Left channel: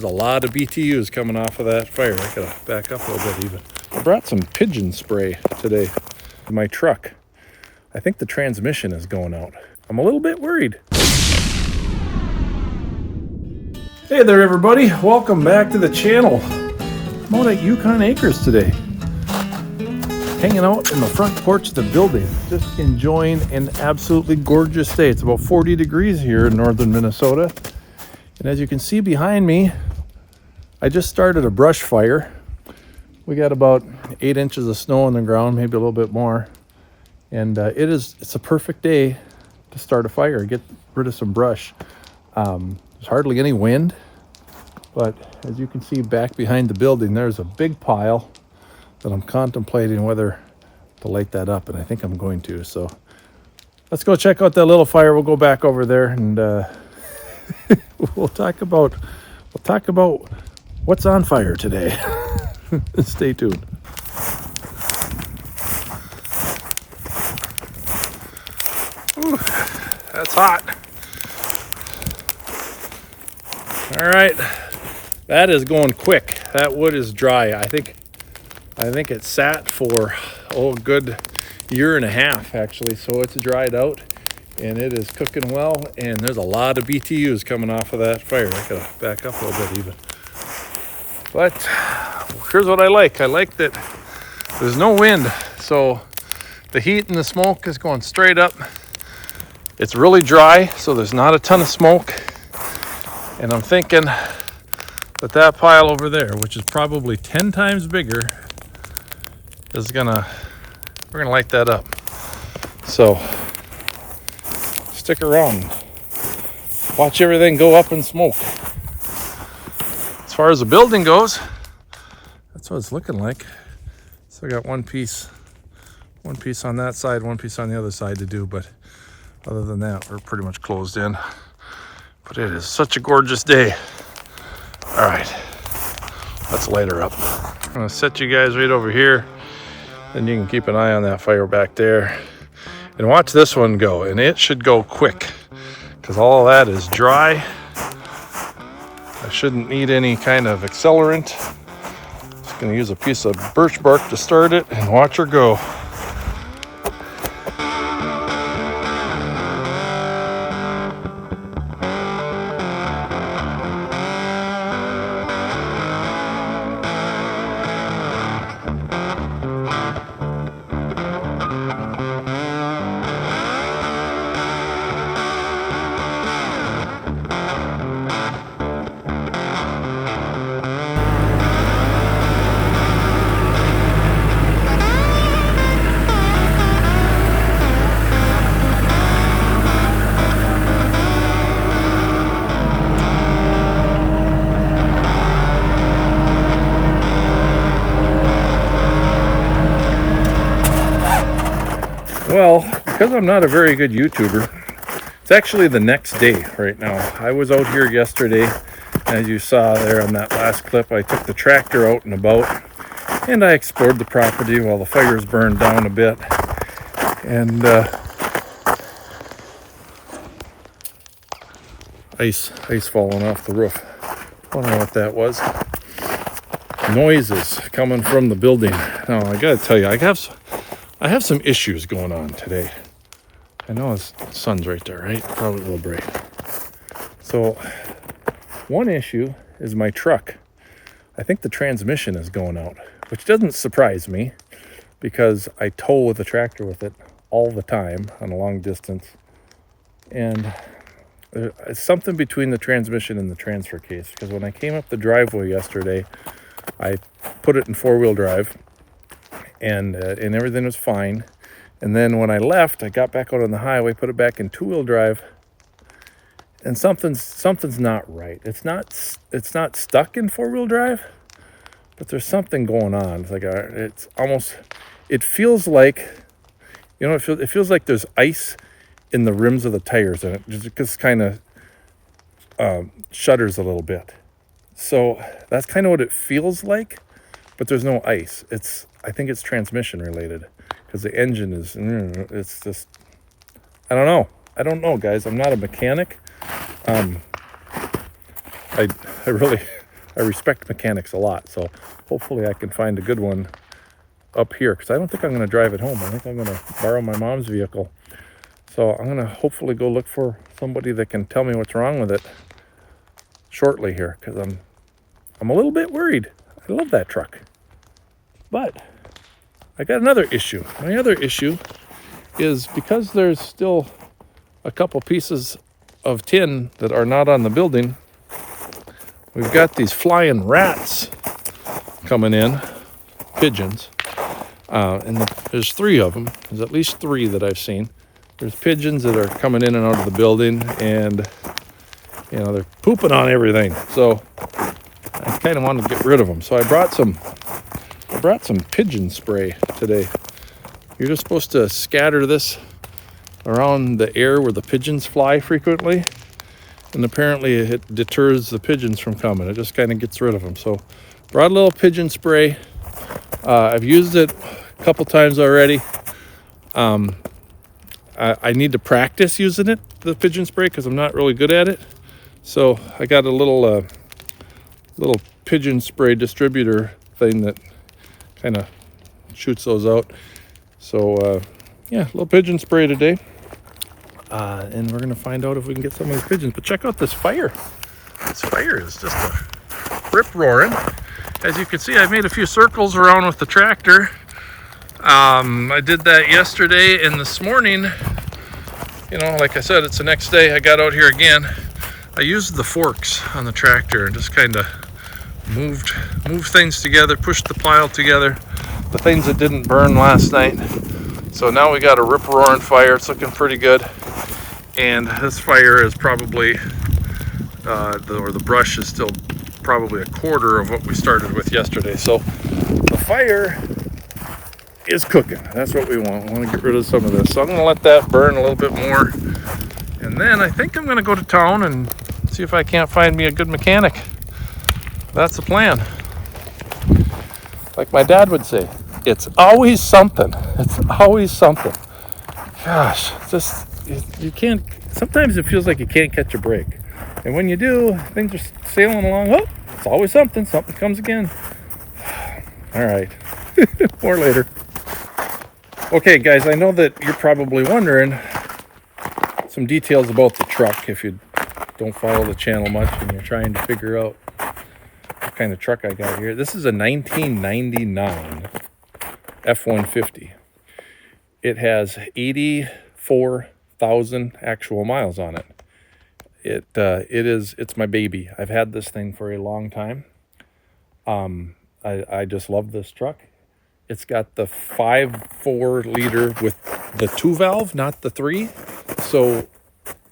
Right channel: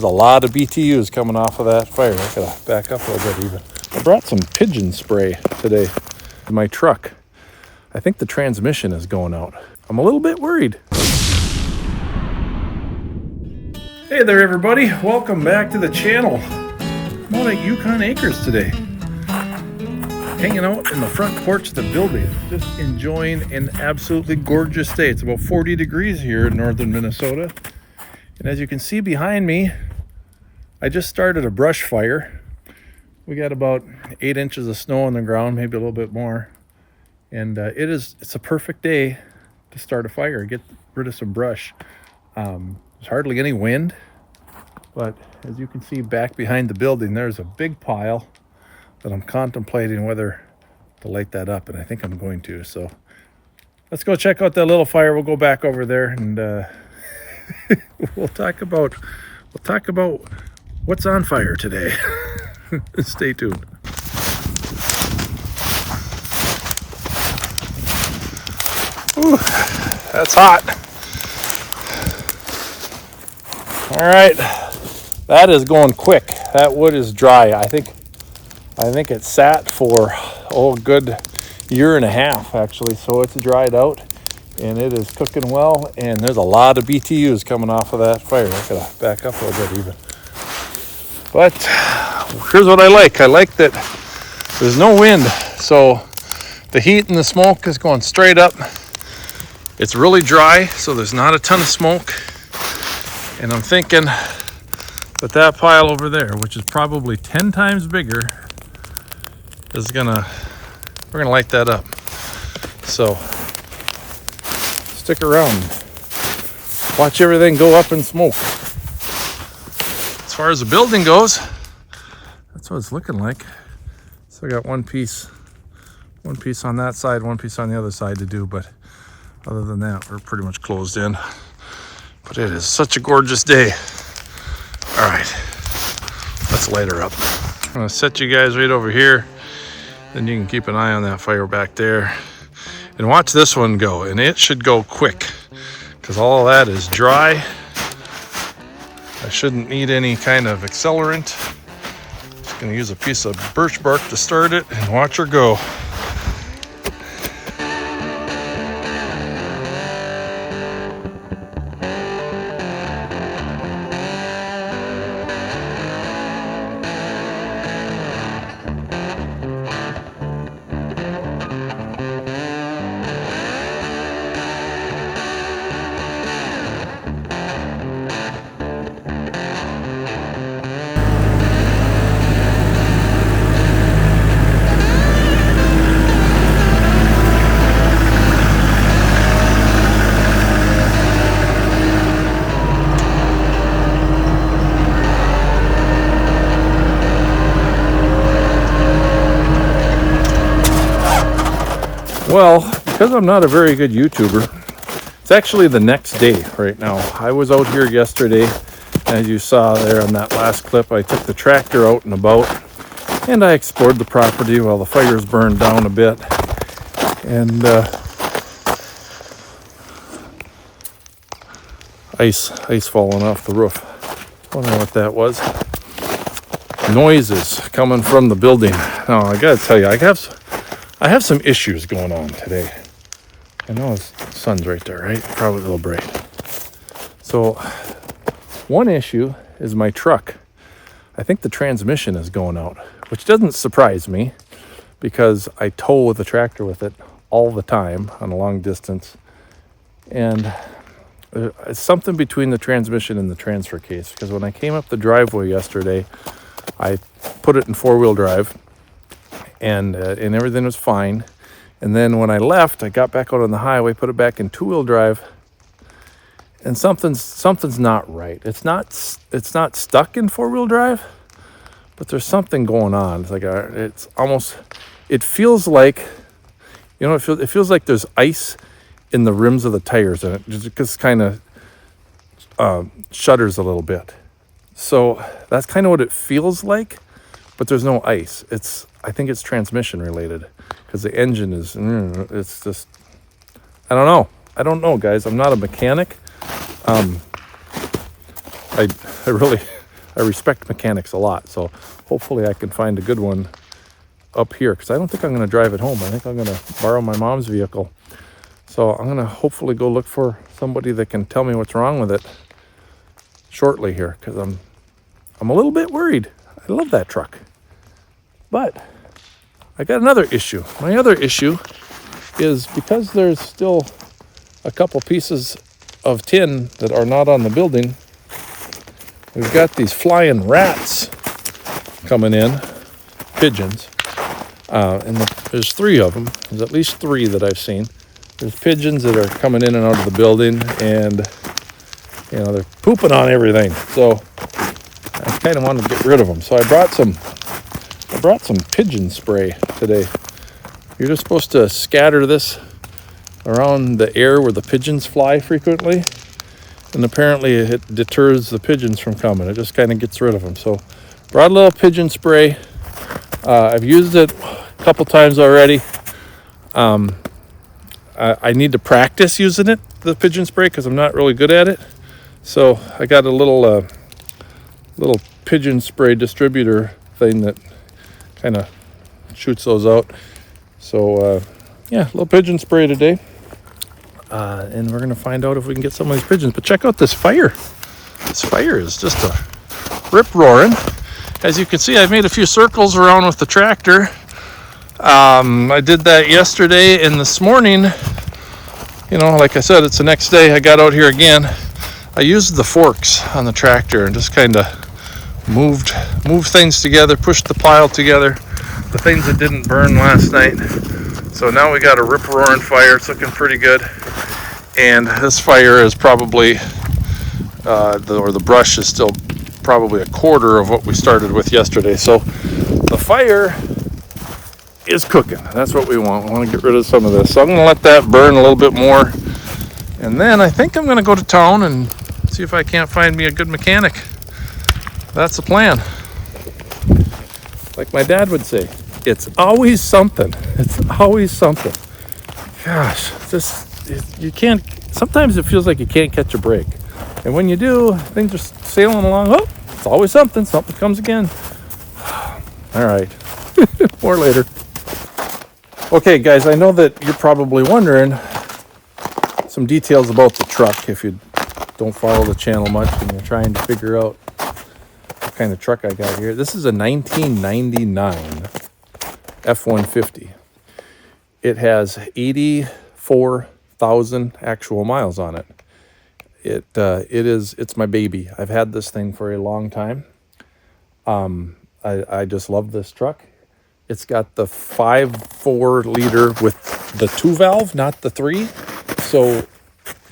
There's a lot of BTUs coming off of that fire. I gotta back up a little bit even. I brought some pigeon spray today in my truck. I think the transmission is going out. I'm a little bit worried. Hey there everybody, welcome back to the channel. I'm out at Yukon Acres today. Hanging out in the front porch of the building, just enjoying an absolutely gorgeous day. It's about 40 degrees here in northern Minnesota. And as you can see behind me, I just started a brush fire. We got about 8 inches of snow on the ground, maybe a little bit more. And it's a perfect day to start a fire, get rid of some brush. There's hardly any wind, but as you can see back behind the building, there's a big pile that I'm contemplating whether to light that up, and I think I'm going to. So let's go check out that little fire. We'll go back over there and we'll talk about what's on fire today. Stay tuned. Ooh, that's hot. All right, that is going quick. That wood is dry. I think it sat for a good year and a half actually, so it's dried out and it is cooking well, and there's a lot of BTUs coming off of that fire. I gotta back up a little bit even. But here's what I like that there's no wind, so the heat and the smoke is going straight up. It's really dry, so there's not a ton of smoke, and I'm thinking that pile over there, which is probably 10 times bigger, we're gonna light that up. So stick around, watch everything go up in smoke. As far as the building goes, that's what it's looking like. So I got one piece on that side, one piece on the other side to do, but other than that, we're pretty much closed in. But it is such a gorgeous day. All right, let's light her up. I'm gonna set you guys right over here. Then you can keep an eye on that fire back there. And watch this one go, and it should go quick because all of that is dry. I shouldn't need any kind of accelerant. Just gonna use a piece of birch bark to start it and watch her go. Well, because I'm not a very good YouTuber, it's actually the next day right now. I was out here yesterday, as you saw there on that last clip. I took the tractor out and about, and I explored the property while the fires burned down a bit. And ice falling off the roof. I don't know what that was. Noises coming from the building. Now, I gotta tell you, I have some issues going on today. I know the sun's right there, right? Probably a little bright. So one issue is my truck. I think the transmission is going out, which doesn't surprise me because I tow the tractor with it all the time on a long distance. And it's something between the transmission and the transfer case, because when I came up the driveway yesterday, I put it in 4-wheel drive. And everything was fine. And then when I left, I got back out on the highway, put it back in 2-wheel drive, and something's not right. It's not stuck in 4-wheel drive, but there's something going on. It's like it feels like, it feels like there's ice in the rims of the tires, and it just kind of shudders a little bit. So that's kind of what it feels like, but there's no ice. I think it's transmission related, because the engine is, it's just, I don't know, guys. I'm not a mechanic. I really, I respect mechanics a lot. So hopefully I can find a good one up here, because I don't think I'm going to drive it home. I think I'm going to borrow my mom's vehicle. So I'm going to hopefully go look for somebody that can tell me what's wrong with it shortly here, because I'm a little bit worried. I love that truck. But I got another issue. My other issue is, because there's still a couple pieces of tin that are not on the building, we've got these flying rats coming in, pigeons. And there's 3 of them. There's at least 3 that I've seen. There's pigeons that are coming in and out of the building, and they're pooping on everything. So I kind of wanted to get rid of them. So I brought some pigeon spray today. You're just supposed to scatter this around the air where the pigeons fly frequently, and apparently it deters the pigeons from coming. It just kind of gets rid of them. So brought a little pigeon spray. I've used it a couple times already. I need to practice using the pigeon spray, because I'm not really good at it. So I got a little pigeon spray distributor thing that kind of shoots those out. So yeah, a little pigeon spray today. And we're going to find out if we can get some of these pigeons. But check out this fire. This fire is just a rip-roaring. As you can see, I made a few circles around with the tractor. I did that yesterday, and this morning, like I said, it's the next day. I got out here again. I used the forks on the tractor and just kind of moved things together, pushed the pile together, the things that didn't burn last night. So now we got a rip-roaring fire. It's looking pretty good. And this fire is probably, the brush is still probably a quarter of what we started with yesterday. So the fire is cooking. That's what we want. We want to get rid of some of this. So I'm going to let that burn a little bit more. And then I think I'm going to go to town and see if I can't find me a good mechanic. That's the plan. Like my dad would say, it's always something. It's always something. Gosh, you can't, sometimes it feels like you can't catch a break. And when you do, things are sailing along. Oh, it's always something. Something comes again. All right. More later. Okay, guys, I know that you're probably wondering some details about the truck if you don't follow the channel much and you're trying to figure out what kind of truck I got here. This is a 1999 F-150. It has 84,000 actual miles on it. It's my baby. I've had this thing for a long time. I just love this truck. It's got the 5.4 liter with the 2 valve, not the 3. So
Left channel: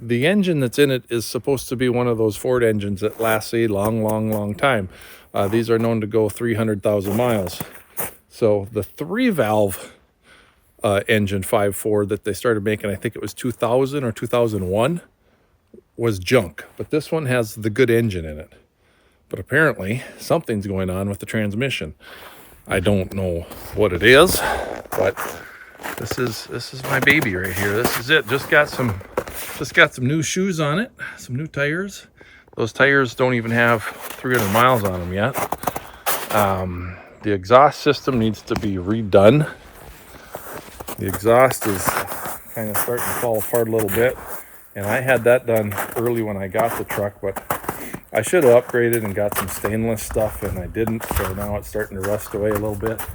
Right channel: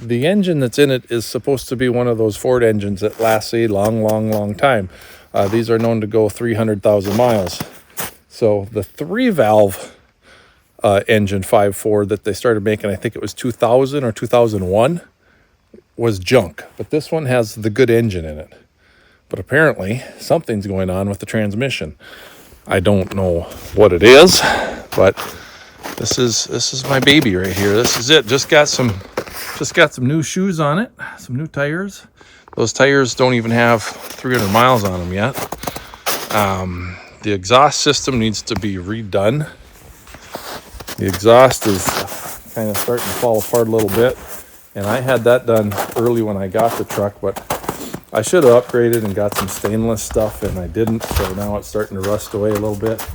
the engine that's in it is supposed to be one of those Ford engines that lasts a long time. These are known to go 300,000 miles. So the 3 valve engine 5.4 that they started making, I think it was 2000 or 2001, was junk. But this one has the good engine in it. But apparently something's going on with the transmission. I don't know what it is, but this is my baby right here. This is it. Just got some new shoes on it, some new tires. Those tires don't even have 300 miles on them yet. The exhaust system needs to be redone. The exhaust is kind of starting to fall apart a little bit, and I had that done early when I got the truck, but I should have upgraded and got some stainless stuff, and I didn't, so now it's starting to rust away a little bit,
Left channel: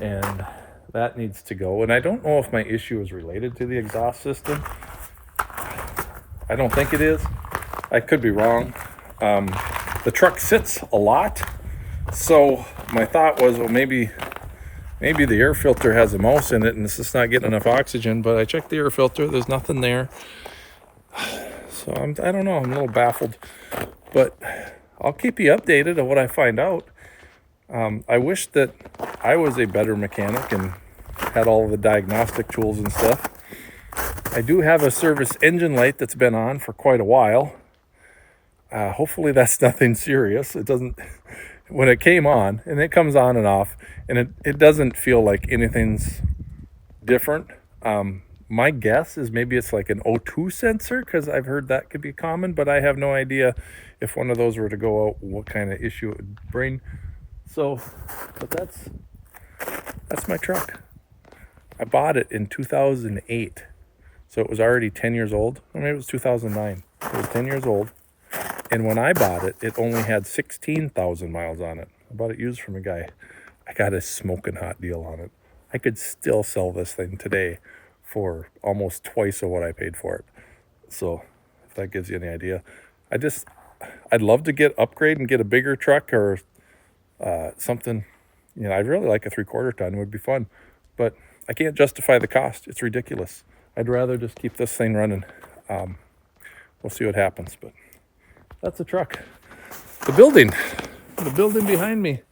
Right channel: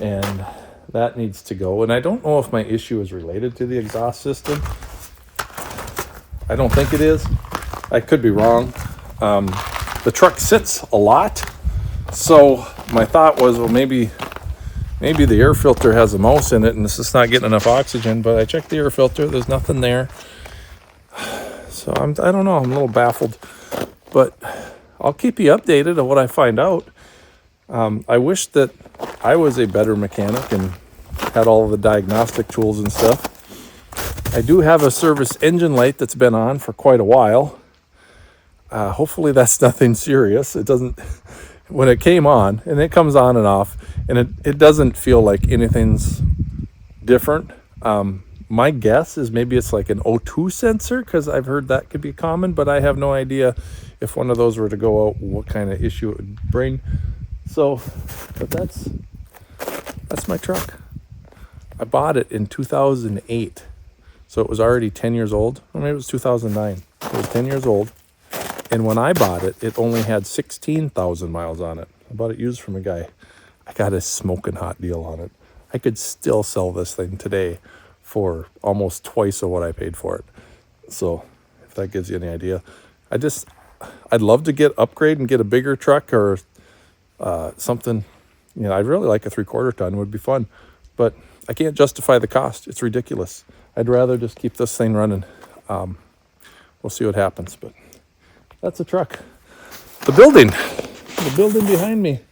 and that needs to go. And I don't know if my issue is related to the exhaust system. I don't think it is. I could be wrong. The truck sits a lot, so my thought was, well, maybe the air filter has a mouse in it and it's just not getting enough oxygen. But I checked the air filter, there's nothing there. So I don't know, I'm a little baffled, but I'll keep you updated on what I find out. I wish that I was a better mechanic and had all of the diagnostic tools and stuff. I do have a service engine light that's been on for quite a while. Hopefully that's nothing serious. It doesn't, when it came on, and it comes on and off, and it doesn't feel like anything's different. my guess is maybe it's like an O2 sensor, because I've heard that could be common, but I have no idea if one of those were to go out, what kind of issue it would bring. So, but that's my truck. I bought it in 2008. So it was already 10 years old. Or maybe it was 2009. It was 10 years old. And when I bought it, it only had 16,000 miles on it. I bought it used from a guy. I got a smoking hot deal on it. I could still sell this thing today for almost twice of what I paid for it. So if that gives you any idea. I'd love to upgrade and get a bigger truck or something. You know, I'd really like a 3/4 ton. It would be fun. But I can't justify the cost. It's ridiculous. I'd rather just keep this thing running. We'll see what happens. But that's a truck. The building behind me.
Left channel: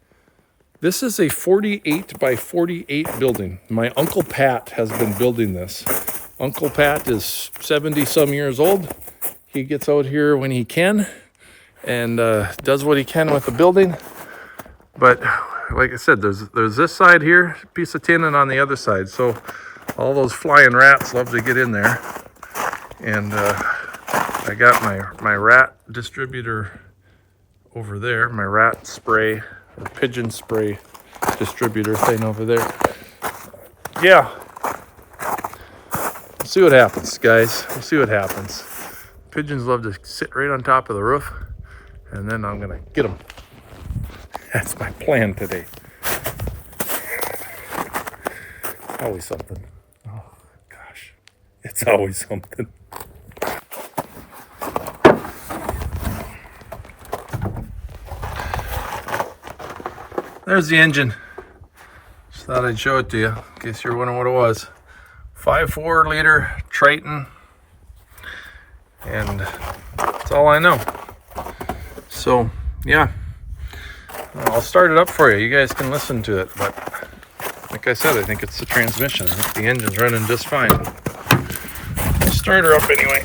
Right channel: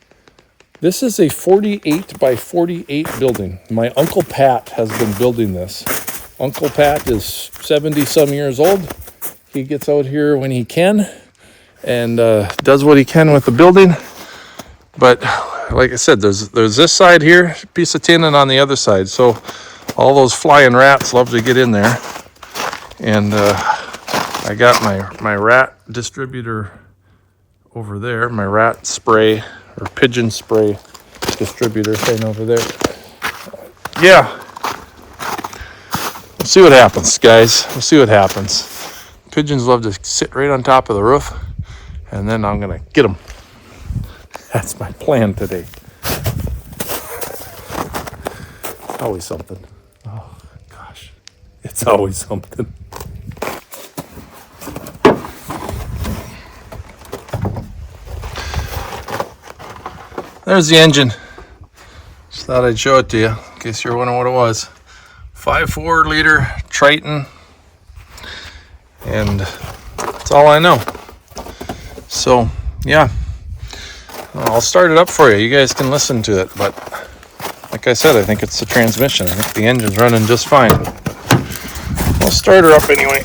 This is a 48 by 48 building. My Uncle Pat has been building this. Uncle Pat is 70 some years old. He gets out here when he can and does what he can with the building. But like I said, there's this side here, piece of tin, and on the other side. So all those flying rats love to get in there. And I got my rat distributor over there, my rat spray or pigeon spray distributor thing over there. Yeah. We'll see what happens, guys. We'll see what happens. Pigeons love to sit right on top of the roof, and then I'm gonna get them. That's my plan today. It's always something. Oh gosh, it's always something. There's the engine. Just thought I'd show it to you in case you're wondering what it was. 5.4 liter Triton, and that's all I know. So yeah, I'll start it up for you. You guys can listen to it, but like I said, I think it's the transmission. I think the engine's running just fine. I'll start her up anyway.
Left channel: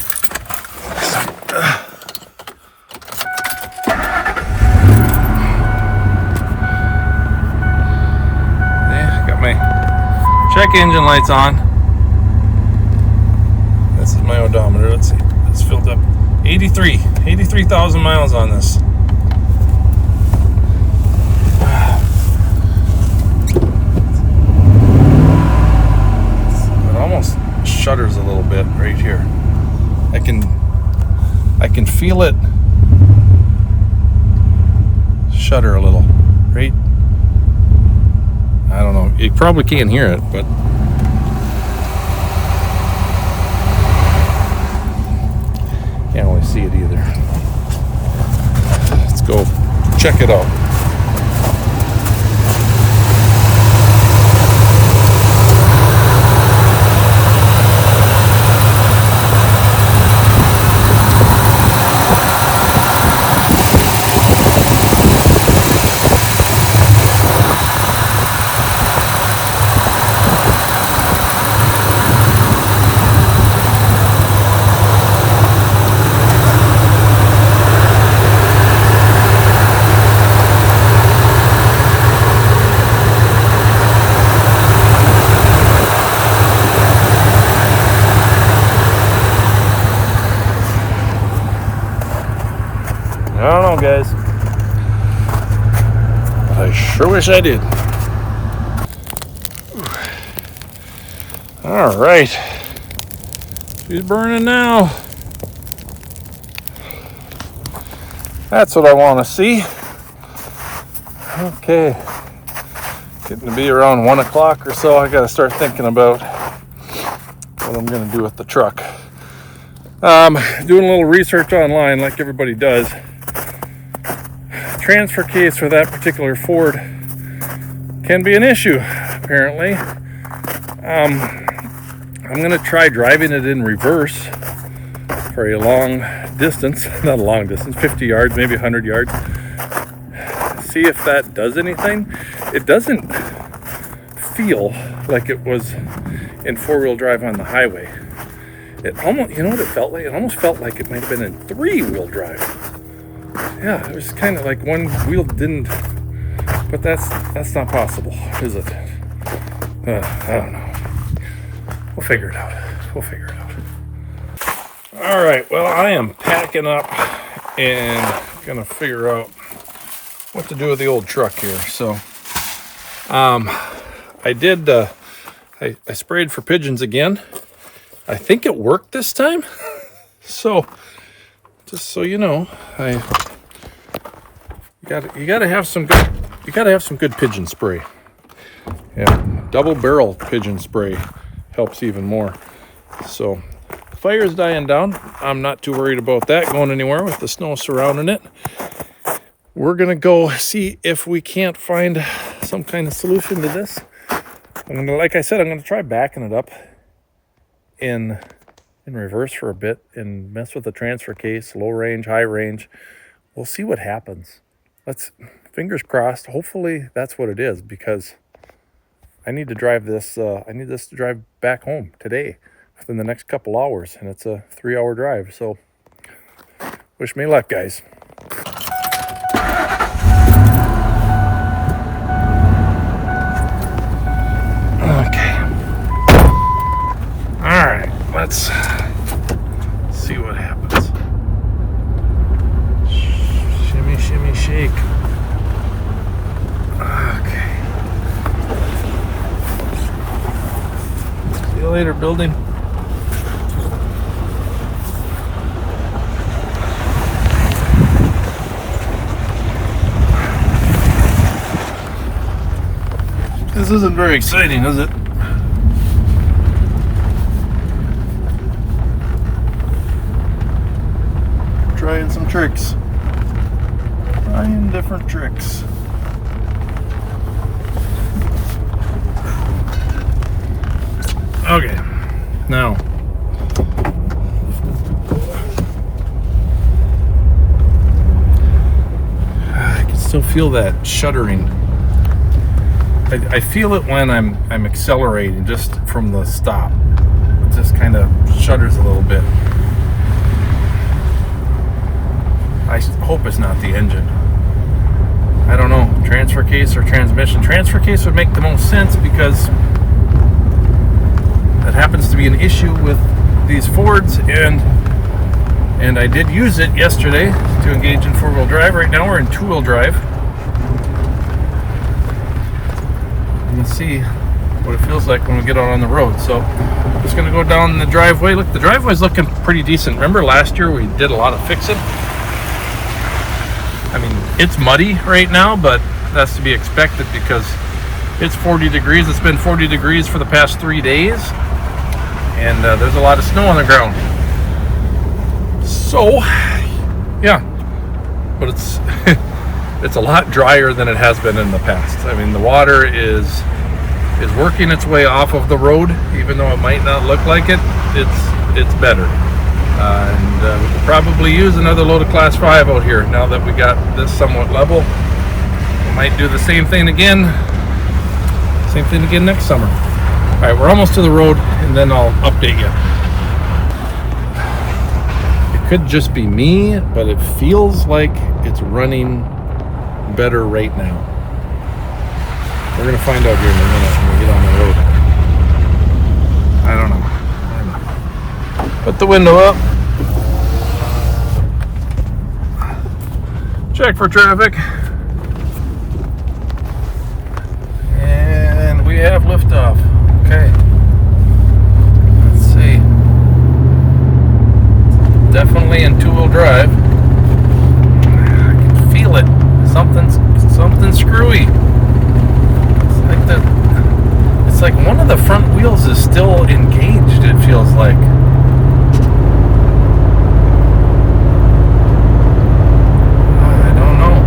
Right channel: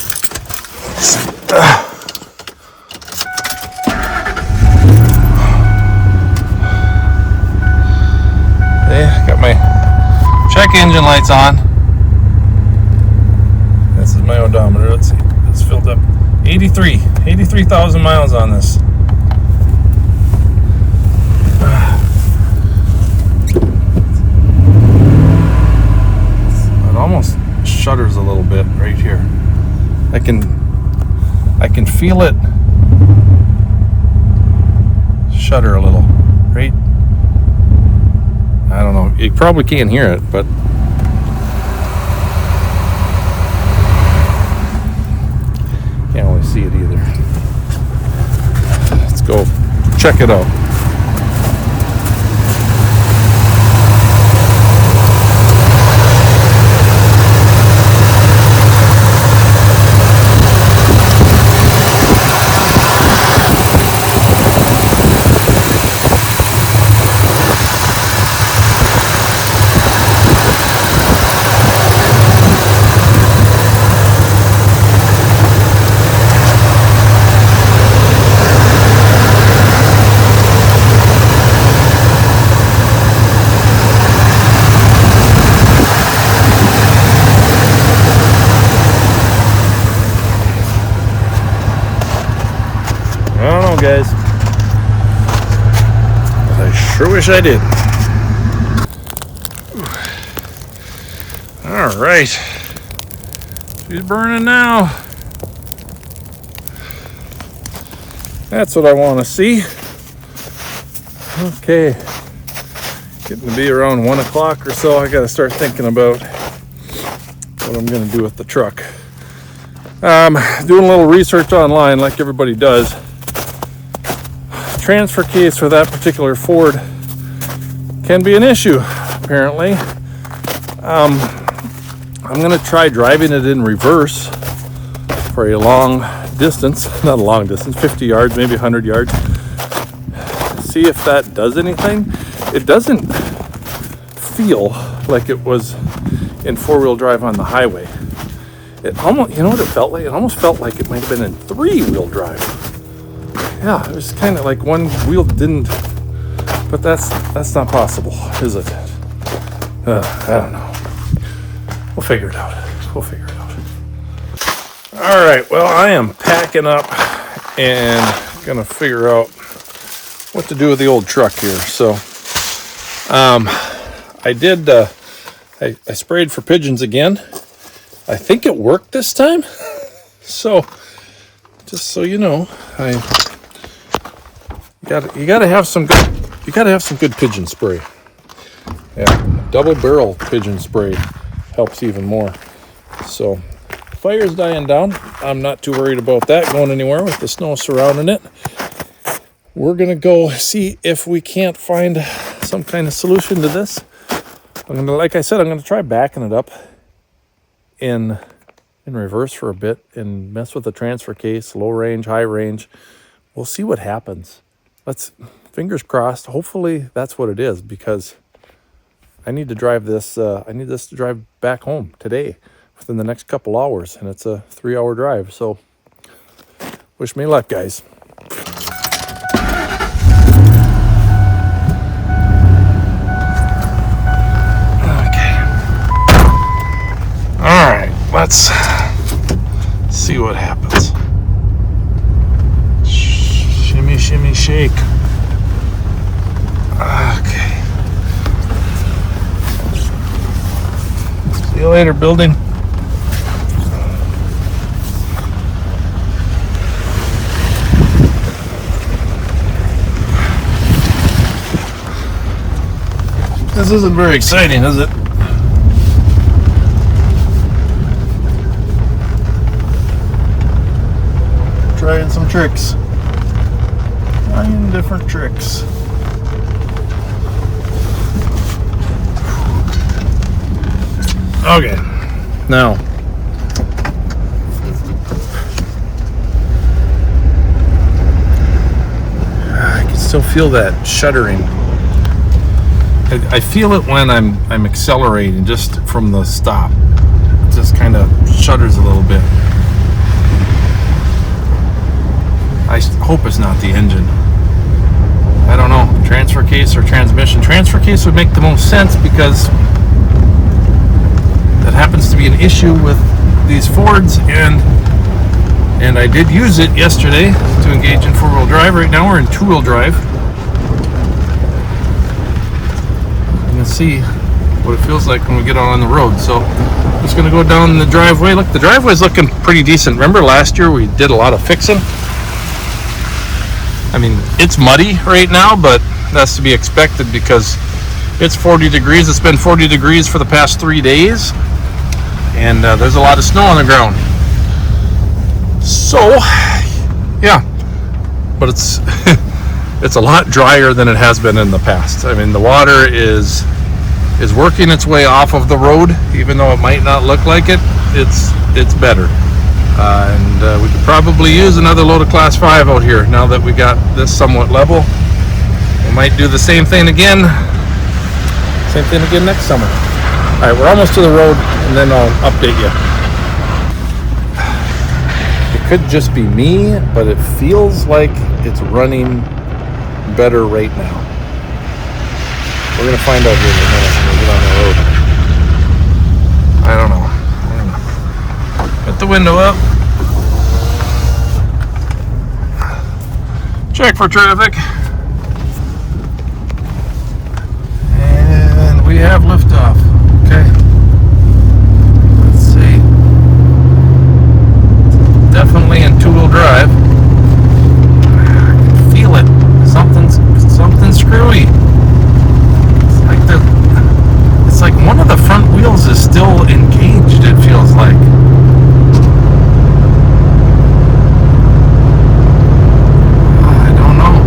My check engine lights on. This is my odometer. Let's see. It's filled up. 83,000 miles on this. It almost shudders a little bit right here. I can feel it shudder a little, right? I don't know. You probably can't hear it, but can't always see it either. Let's go check it out. I don't know, guys. I sure wish I did. All right. She's burning now. That's what I want to see. Okay. Getting to be around 1 o'clock or so. I got to start thinking about what I'm going to do with the truck. Doing a little research online like everybody does. Transfer case for that particular Ford can be an issue, apparently. I'm going to try driving it in reverse for a long distance, not a long distance, 50 yards, maybe 100 yards. See if that does anything. It doesn't feel like it was in four-wheel drive on the highway. It almost, you know what it felt like? It almost felt like it might have been in three-wheel drive. Yeah, it was kind of like one wheel didn't, but that's not possible, is it? I don't know. We'll figure it out. We'll figure it out. All right, well, I am packing up and gonna figure out what to do with the old truck here. So I did I sprayed for pigeons again. I think it worked this time. So just so you know, you gotta have some good pigeon spray. Yeah, double barrel pigeon spray helps even more. So fire's dying down. I'm not too worried about that going anywhere with the snow surrounding it. We're gonna go see if we can't find some kind of solution to this. Like I said, I'm gonna try backing it up in reverse for a bit and mess with the transfer case, low range, high range. We'll see what happens. Fingers crossed. Hopefully that's what it is, because I need to drive this. I need this to drive back home today within the next couple hours, and it's a 3-hour drive. So wish me luck, guys. Okay. All right. Let's see what happens. Shimmy, shimmy, shake. Okay. See you later, building. This isn't very exciting, is it? Trying some tricks. Trying different tricks. Okay, now I can still feel that shuddering. I feel it when I'm accelerating just from the stop. It just kind of shudders a little bit. I hope it's not the engine. I don't know, transfer case or transmission. Transfer case would make the most sense, because that happens to be an issue with these Fords, and I did use it yesterday to engage in 4-wheel drive. Right now we're in 2-wheel drive. You can see what it feels like when we get out on the road. So I'm just gonna go down the driveway. Look, the driveway's looking pretty decent. Remember last year we did a lot of fixing? I mean, it's muddy right now, but that's to be expected because it's 40 degrees. It's been 40 degrees for the past 3 days, and there's a lot of snow on the ground. So, yeah, but it's it's a lot drier than it has been in the past. I mean, the water is working its way off of the road, even though it might not look like it. It's better. And we could probably use another load of Class 5 out here now that we got this somewhat level. We might do the same thing again next summer. All right, we're almost to the road, and then I'll update you. It could just be me, but it feels like it's running better right now. We're gonna find out here in a minute when we get on the road. I don't know. We're gonna put the window up. Check for traffic. And we have liftoff. Okay. Let's see. Definitely in 2-wheel drive. I can feel it. Something's screwy. It's like one of the front wheels is still engaged, it feels like. I don't know.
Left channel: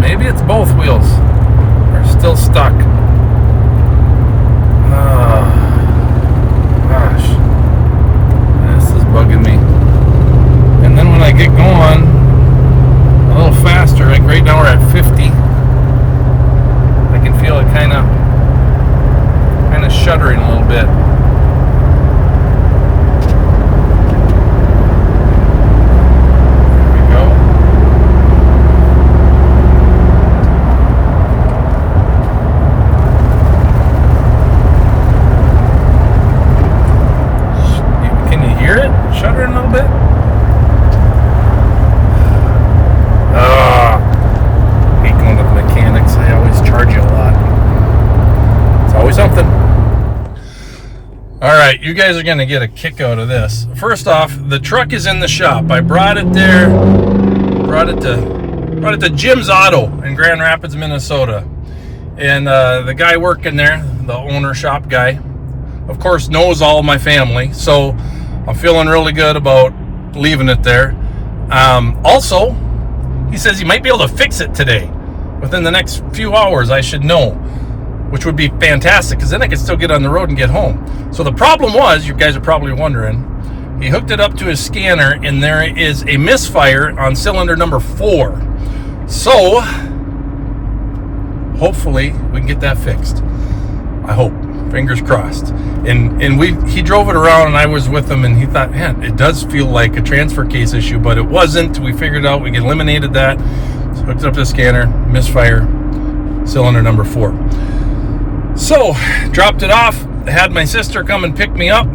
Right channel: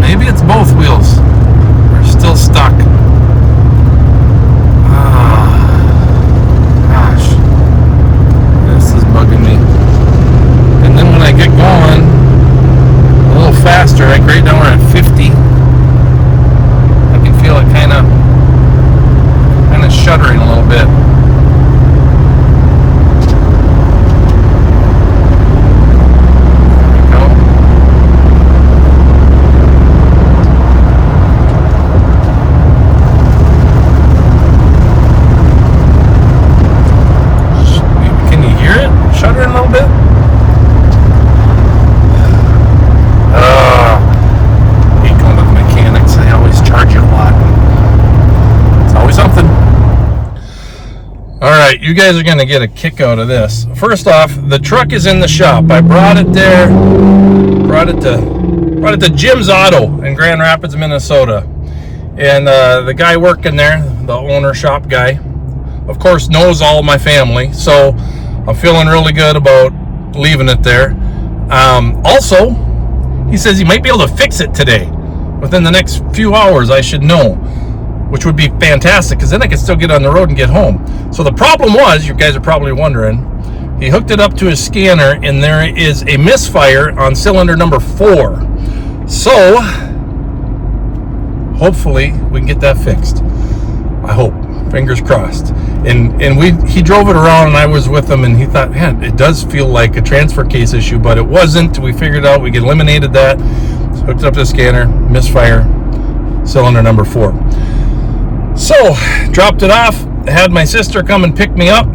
Maybe it's both wheels are still stuck. Gosh. This is bugging me. And then when I get going, you guys are going to get a kick out of this. First off, the truck is in the shop. I brought it there, brought it to Jim's Auto in Grand Rapids, Minnesota. And the guy working there, the owner shop guy, of course knows all my family, so I'm feeling really good about leaving it there. Also, he says he might be able to fix it today. Within the next few hours, I should know, which would be fantastic, because then I could still get on the road and get home. So the problem was, you guys are probably wondering, he hooked it up to his scanner, and there is a misfire on cylinder number 4. So, hopefully, we can get that fixed. I hope. Fingers crossed. And he drove it around, and I was with him, and he thought, man, it does feel like a transfer case issue, but it wasn't. We figured out, we eliminated that. So hooked it up to the scanner, misfire, cylinder number 4. So, dropped it off, had my sister come and pick me up,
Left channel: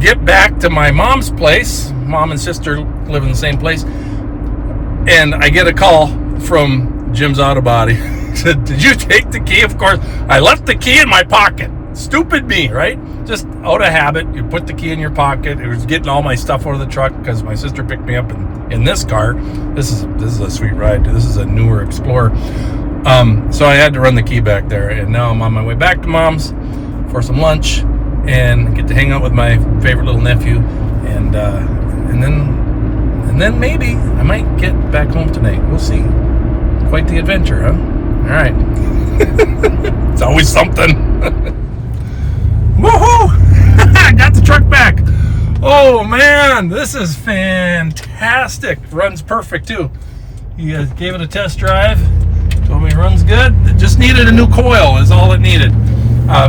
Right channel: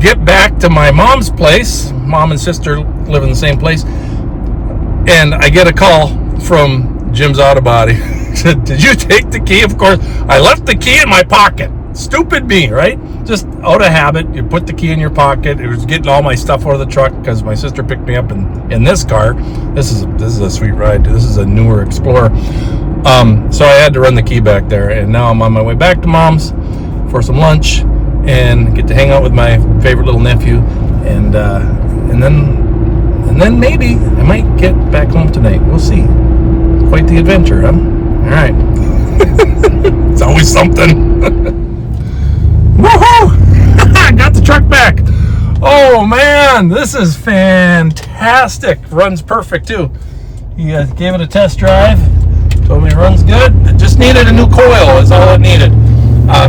get back to my mom's place. Mom and sister live in the same place. And I get a call from Jim's Auto Body. Said, did you take the key? Of course, I left the key in my pocket. Stupid me, right? Just out of habit, you put the key in your pocket. It was getting all my stuff out of the truck because my sister picked me up in this car. This is a sweet ride. This is a newer Explorer. So I had to run the key back there, and now I'm on my way back to Mom's for some lunch and get to hang out with my favorite little nephew, and then maybe I might get back home tonight. We'll see. Quite the adventure, huh? All right. It's always something. Woohoo! I got the truck back. Oh man, this is fantastic. Runs perfect too. You guys gave it a test drive. Told me it runs good. It just needed a new coil is all it needed.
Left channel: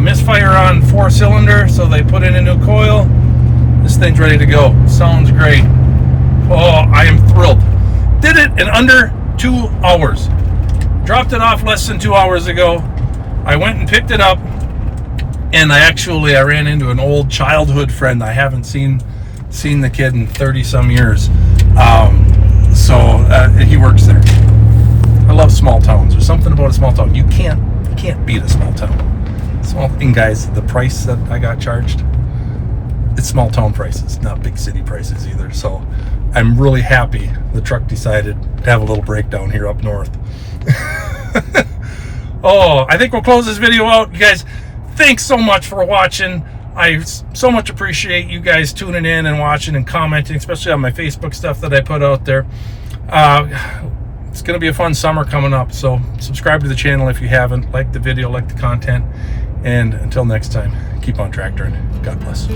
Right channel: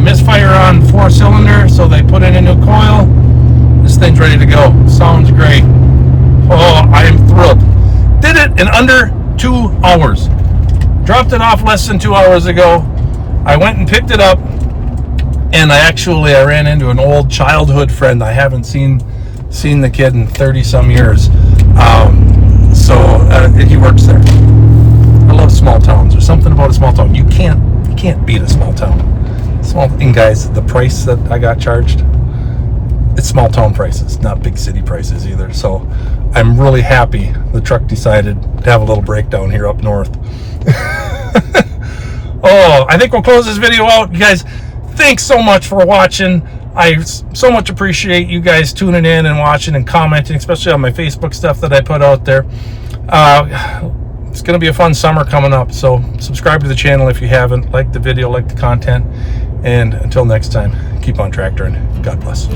Misfire on 4-cylinder, so they put in a new coil. This thing's ready to go. Sounds great. Oh, I am thrilled. Did it in under 2 hours. Dropped it off less than 2 hours ago. I went and picked it up, and I ran into an old childhood friend. I haven't seen the kid in 30 some years. So he works there. I love small towns. There's something about a small town. You can't beat a small town. And guys, the price that I got charged, it's small town prices, not big city prices either. So I'm really happy the truck decided to have a little breakdown here up north. Oh, I think we'll close this video out. You guys, thanks so much for watching. I so much appreciate you guys tuning in and watching and commenting, especially on my Facebook stuff that I put out there. It's going to be a fun summer coming up, so subscribe to the channel if you haven't. Like the video, like the content, and until next time, keep on tractoring. God bless.